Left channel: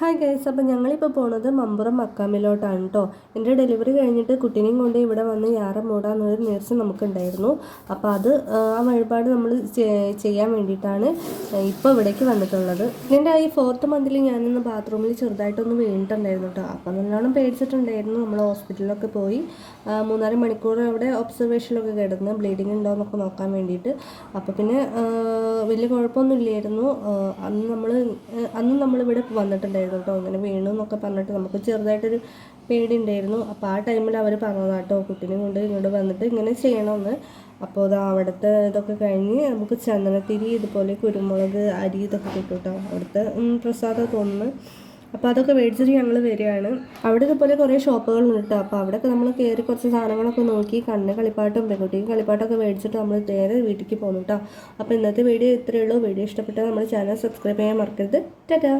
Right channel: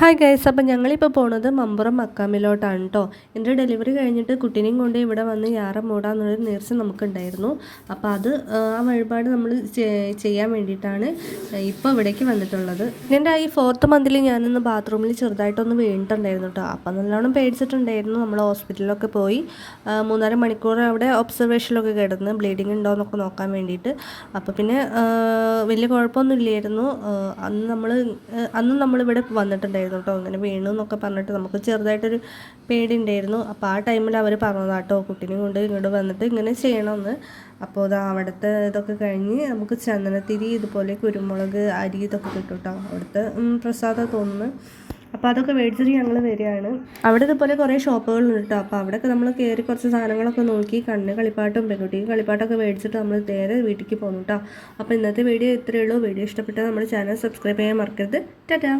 Hi guys, അപ്പം ഞങ്ങളിപ്പോൾ പോണത് മമ്പുറം മക്കാമിലോട്ടാണ് കേട്ടോ. എൻ്റെ ഡെലിവറി കഴിഞ്ഞിട്ട് കുട്ടീനെയും കൊണ്ട് ഇവിടെ വന്ന് യാറ മൂടാന്നൊരു നേർച്ച നമുക്കുണ്ടായിരുന്നു. അപ്പോൾ അത് ആ വഴിപാട് നമ്മൾ ചെയ്യാൻ വേണ്ടിയിട്ടാണ് ഇപ്പോൾ ഇവിടേക്ക് വന്നിട്ടുള്ളത്. എൻ്റെ ഈ 4th മന്തിൽ ഞാനിന്ന് ബാത്റൂമിൽ ചെറുതായിട്ടൊന്ന് വീണിട്ടുണ്ടായിരുന്നു കേട്ടോ. അപ്പം നല്ലോണം പേടിച്ചിട്ടുണ്ടായിരുന്നു. നമ്മൾ ഹോസ്പിറ്റലിലൊക്കെ പോയി 3.5 മണിക്കൂർ അവിടെ ഒബ്സർവേഷനിലൊക്കെ കിടന്ന് ബ്ലീഡിങ് ഉണ്ടോ എന്നൊക്കെ നോക്കാൻ വേണ്ടിയിട്ട്. അപ്പോൾ പിന്നെ വലിയ കുഴപ്പമൊന്നും ഇല്ലായിരുന്നു. അന്ന് നമ്മളിവിടെ വന്നിട്ടുണ്ടായിരുന്നു കേട്ടോ. അങ്ങനെ വീണു എന്നൊക്കെ പറഞ്ഞിട്ട് നമുക്ക് ചെറുതായിട്ടൊരു പേടി ഉണ്ടായിരുന്നു. അപ്പോൾ ആ ടൈമിൽ അവർ പറഞ്ഞതാട്ടോ കുട്ടീനെ കൊണ്ട് ഇങ്ങോട്ട് വന്നിട്ട് ഇങ്ങനെ ചെയ്യണമെന്ന്. അപ്പോൾ ഇത് അവിടുത്തെ ഇതൊക്കെ കഴിഞ്ഞ് നമുക്ക് ചന്ദനത്തിരി, ഇതുപോലെ കുരുമുളക്, അരി ഇതൊക്കെ കിട്ടും കേട്ടോ. അവിടുത്തെ പ്രസാദം തോന്നുന്നു. അപ്പോൾ അതൊക്കെ മേടിച്ചിട്ട് ഞങ്ങൾ വരികയാണ്. അവിടെ ഇതുപോലെ കുറേ ഷോപ്പുകളുണ്ട് കേട്ടോ. അപ്പോൾ അവിടെയൊക്കെ നമ്മൾ കയറി കുറച്ച് സാധനങ്ങളൊക്കെ നോക്കി കണ്ണ് കളിപ്പാട്ടും പെൺകുട്ടിക്ക് കളിപ്പാട്ടൊക്കെ മേടിച്ചിട്ട് നമ്മൾ നേരെ വീട്ടിലേക്ക് പോകുന്നു കേട്ടോ. അപ്പോൾ ഇന്നത്തെ വീഡിയോ ഇത്രയേ ഉള്ളൂ. വീഡിയോ ഇഷ്ടപ്പെട്ടാൽ നമ്മുടെ ചാനൽ സബ്സ്ക്രൈബ് ചെയ്യാൻ മറക്കരുത്. ടാറ്റാ.